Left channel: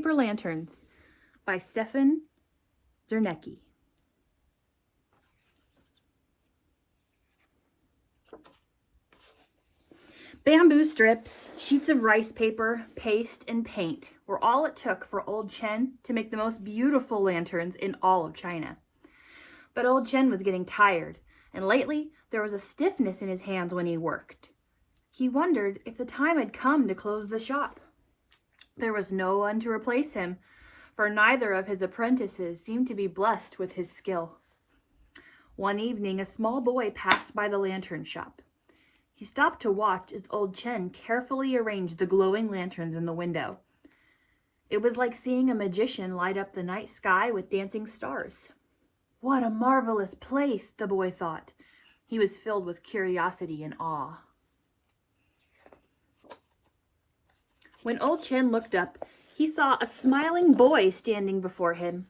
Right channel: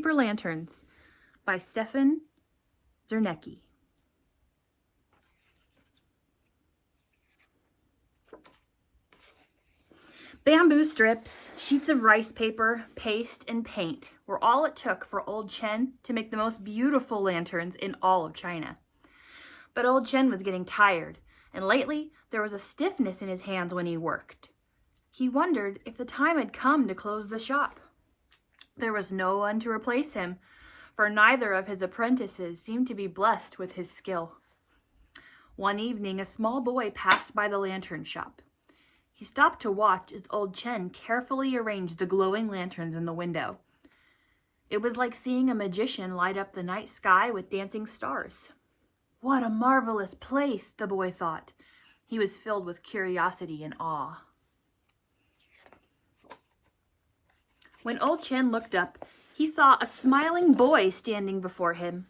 Paper Lanterns by Stefan Czernecki. Bamboo strips, sheets of rice paper, paste, and paint were all it took for Old Chen to make the most beautiful lanterns in all of China. But Old Chen was getting tired, and lately there was a stiffness in his hands when he worked. He wondered if the time had come to close the shop. There was no one to replace him, for neither of his apprentices seemed to be blessed with his skill. One evening, a small boy passed by the lantern shop. He stopped to watch as Old Chen carefully arranged the glowing lanterns in the window. It was like seeing a magician light up the night sky with dancing stars. What a marvelous place, the boy thought. He was filled with curiosity and awe. When Old Chen looked up, he saw a smiling boy standing before him.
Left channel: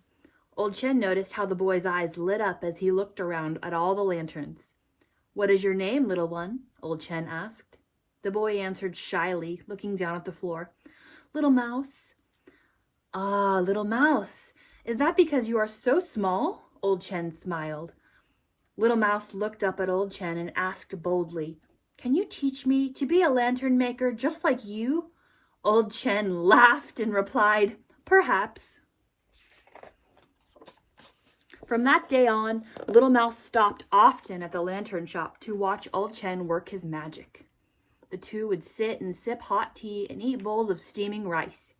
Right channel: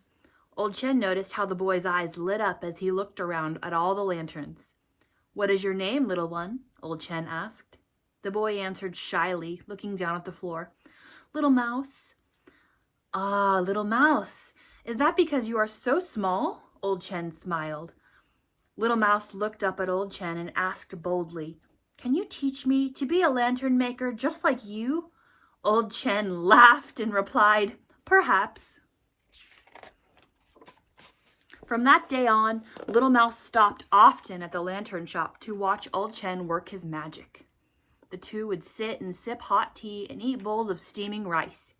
Old Chen noticed how the boy's eyes lit up as he looked around at all the lanterns. "What is your name, little one?" Old Chen asked. The boy answered shyly, looking down at the floor. "Little Mouse." "Ah, little Mouse, is that because you are so small?" Old Chen smiled. Little Mouse looked up at Old Chen and asked boldly, "Can you teach me to be a lantern maker just like you?" Old Chen laughed and replied, "Perhaps." From that day on, Little Mouse stopped often at the lantern shop to watch Old Chen work his magic. The two would sit and sip hot tea and eat bowls of steaming rice.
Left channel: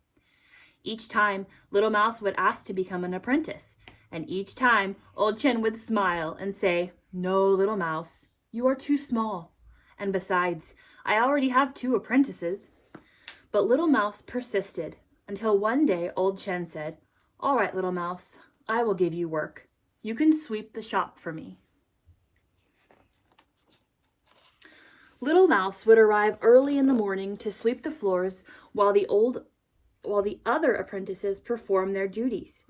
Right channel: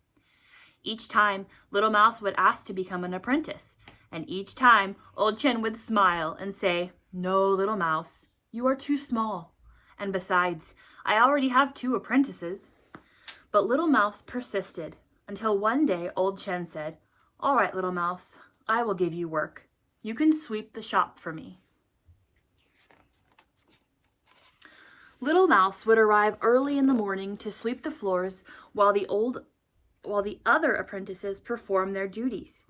Each time, Little Mouse would ask to become an apprentice, and each time, Old Chen would smile and say, "No, Little Mouse, you are too small. And besides, I already have 2 apprentices." But Little Mouse persisted, until one day Old Chen said, "All right, Little Mouse, I will give you work. You can sweep the shop for me." Little Mouse would arrive early in the morning to sweep the floors while the other apprentices performed their duties.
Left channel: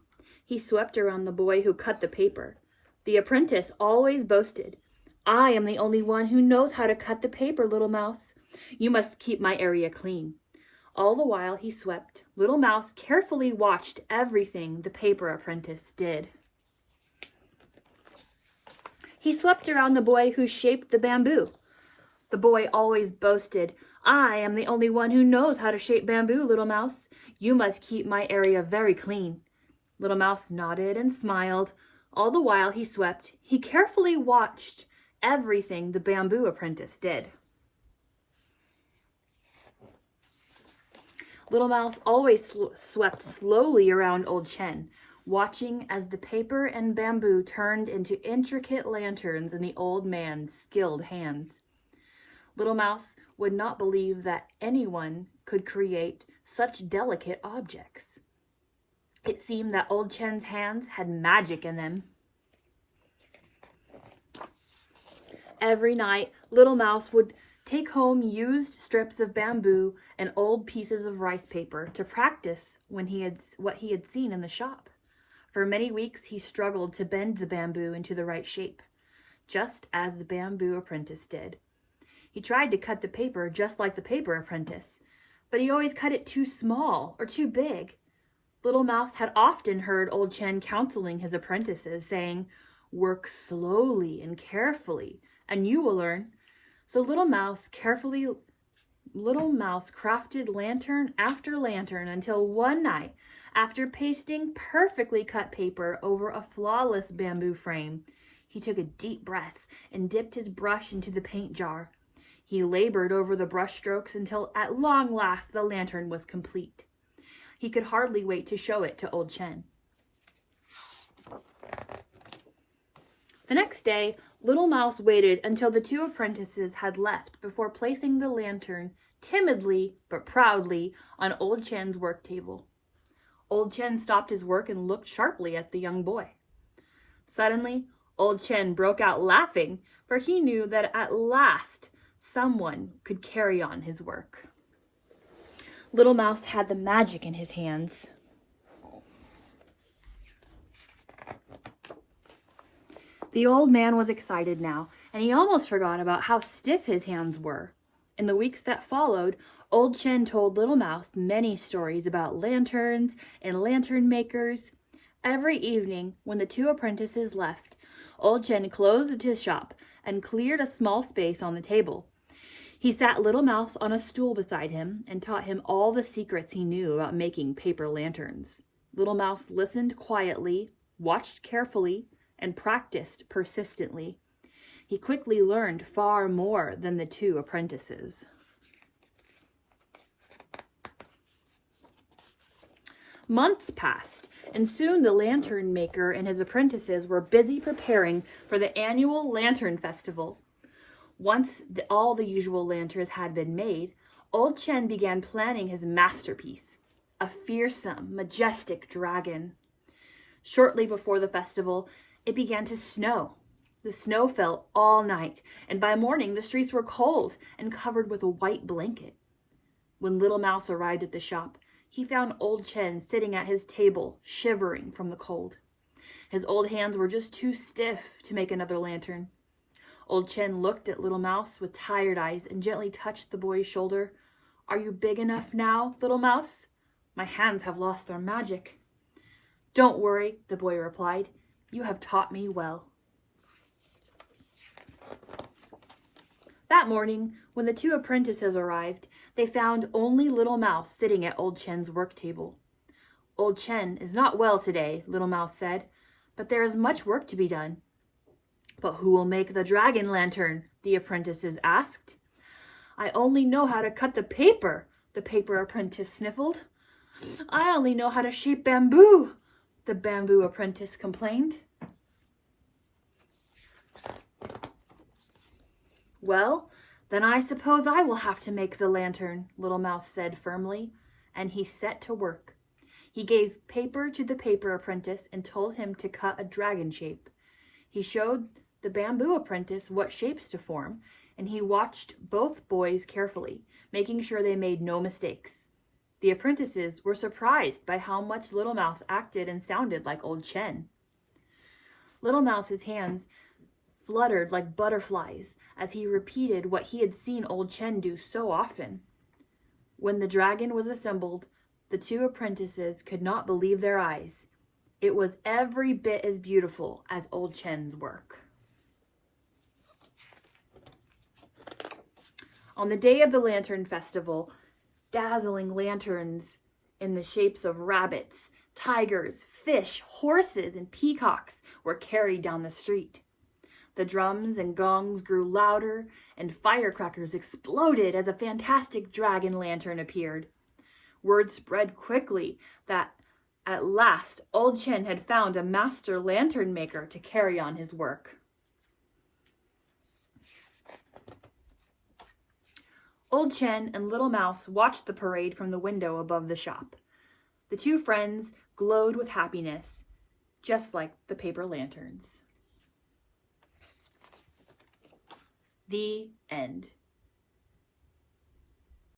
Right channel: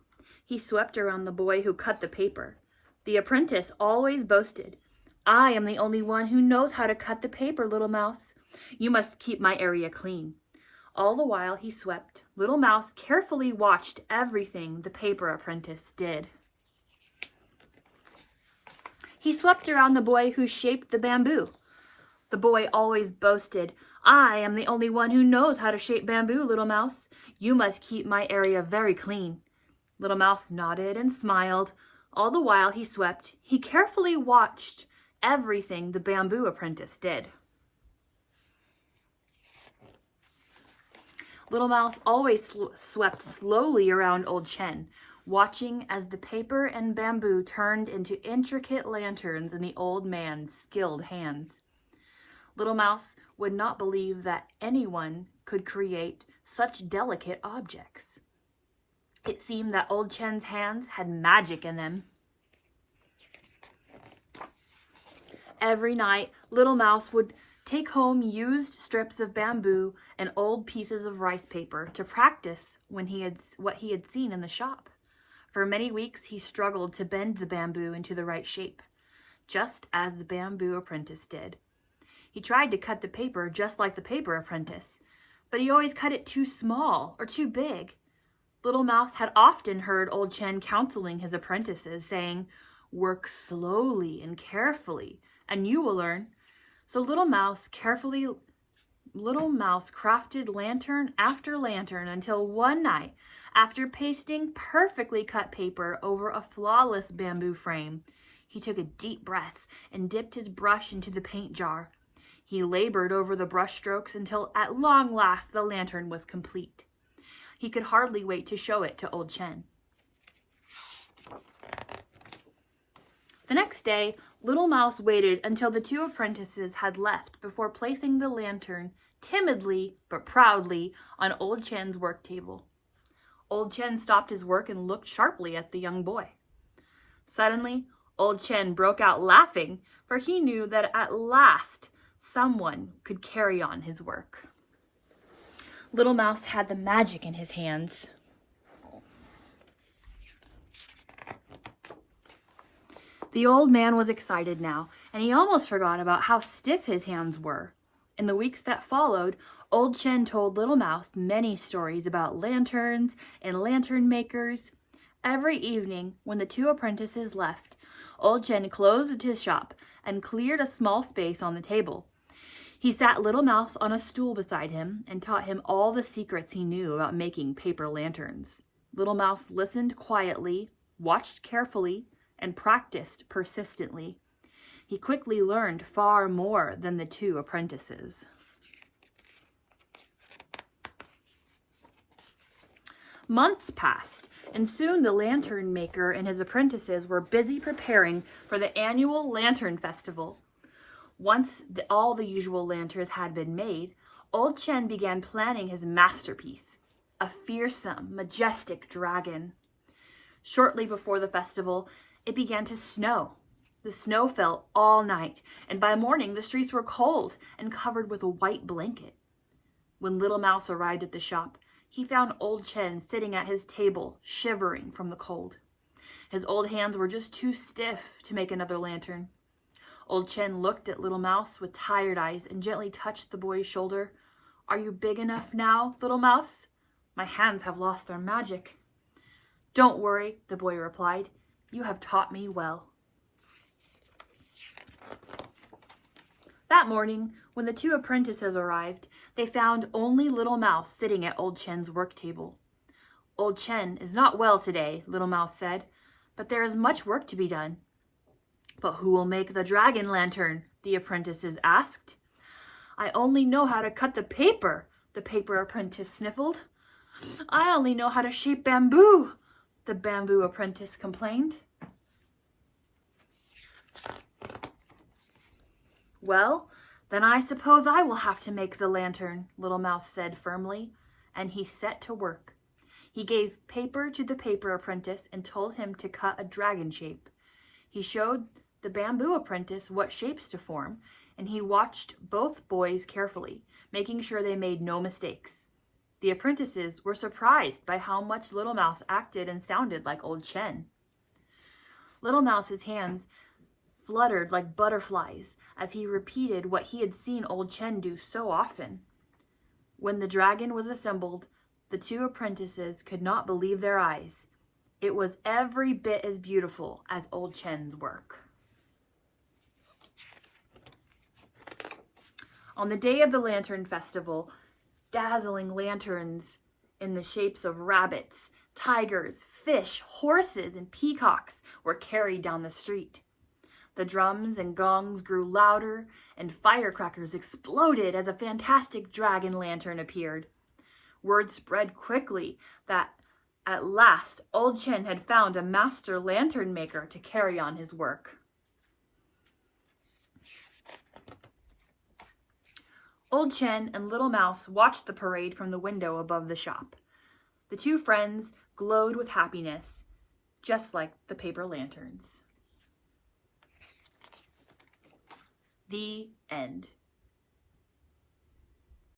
He swept around the boy who cut the paper. The apprentice always boasted, "I am the only one who knows how to cut the paper, Little Mouse. You must keep my area clean." All the while he swept, Little Mouse carefully watched everything the paper apprentice did. He swept around the boy who shaped the bamboo. The boy always boasted, "I am the only one who knows how to shape bamboo, Little Mouse. You must keep my area very clean." Little Mouse nodded and smiled. All the while he swept, he carefully watched everything the bamboo apprentice did. Little Mouse always swept slowly around Old Chen, watching as the paper and bamboo turned into intricate lanterns in the old man's skilled hands. Little Mouse would not believe that anyone could create such delicate objects. It seemed that Old Chen's hands had magic in them. Every night, Little Mouse would take home used strips of bamboo and old pieces of rice paper to practice what he had seen in the shop. For many weeks, he struggled to bend the bamboo into the right shape, just as the bamboo apprentice did. He tried to cut the paper just like the paper apprentice, but he always cut it too small or too big. Little Mouse had often heard Old Chen counseling his apprentices, saying, "Work slowly and carefully, and you will learn." So Little Mouse crafted lantern after lantern until one night, after pasting perfectly cut paper over a flawless bamboo frame, he took a deep breath and dipped his brush into the paint jar. He labored over the brush strokes until at long last the lantern was complete. He could hardly wait to show it to Old Chen. The next day, Little Mouse waited until the 2 apprentices had left before placing the lantern timidly but proudly on Old Chen's work table. Old Chen stopped his work and looked sharply at the young boy. Suddenly, Old Chen broke out laughing, for he knew that at last someone could carry on his work. Little Mouse had the magic in his hands. The old man was excited now, and he almost forgot about how stiff his hands were. In the weeks that followed, Old Chen told Little Mouse many stories about lanterns and lantern makers. Every evening, when the two apprentices left, Old Chen closed his shop and cleared a small space on the table. He sat Little Mouse on a stool beside him and taught him all the secrets he knew about making paper lanterns. Little Mouse listened quietly, watched carefully, and practiced persistently. He quickly learned far more than the two apprentices. Months passed, and soon the lantern maker and his apprentices were busy preparing for the annual Lantern Festival. Once all the usual lanterns had been made, Old Chen began planning his masterpiece, a fearsome, majestic dragon. Shortly before the festival, it began to snow. The snow fell all night, and by morning the streets were cold and covered with a white blanket. When Little Mouse arrived at the shop, he found Old Chen sitting at his table, shivering from the cold. His old hands were just too stiff to make another lantern. Old Chen looked at Little Mouse with tired eyes and gently touched the boy's shoulder. "Are you big enough now, Little Mouse? My hands have lost their magic." "Don't worry," the boy replied. "You have taught me well." That morning, when the two apprentices arrived, they found only Little Mouse sitting at Old Chen's work table. "Old Chen is not well today," Little Mouse said, "but there is much work to be done." "But who will make the dragon lantern?" the apprentices asked. "I only know how to cut the paper," the paper apprentice sniffled. "I only know how to shape bamboo," the bamboo apprentice complained. "Well, then I suppose I will have to make the lantern," Little Mouse said firmly, and he set to work. He gave paper to the paper apprentice and told him to cut a dragon shape. He showed the bamboo apprentice what shapes to form, and he watched both boys carefully, making sure they made no mistakes. The apprentices were surprised by how much Little Mouse acted and sounded like Old Chen. Little Mouse's hands fluttered like butterflies as he repeated what he had seen Old Chen do so often. When the dragon was assembled, the two apprentices could not believe their eyes. It was every bit as beautiful as Old Chen's work. On the day of the Lantern Festival, dazzling lanterns in the shapes of rabbits, tigers, fish, horses, and peacocks were carried down the street. The drums and gongs grew louder, and firecrackers exploded as a fantastic dragon lantern appeared. Word spread quickly that at last Old Chen had found a master lantern maker to carry on his work. Old Chen and Little Mouse watched the parade from the window above the shop. The two friends glowed with happiness, just like the paper lanterns. The end.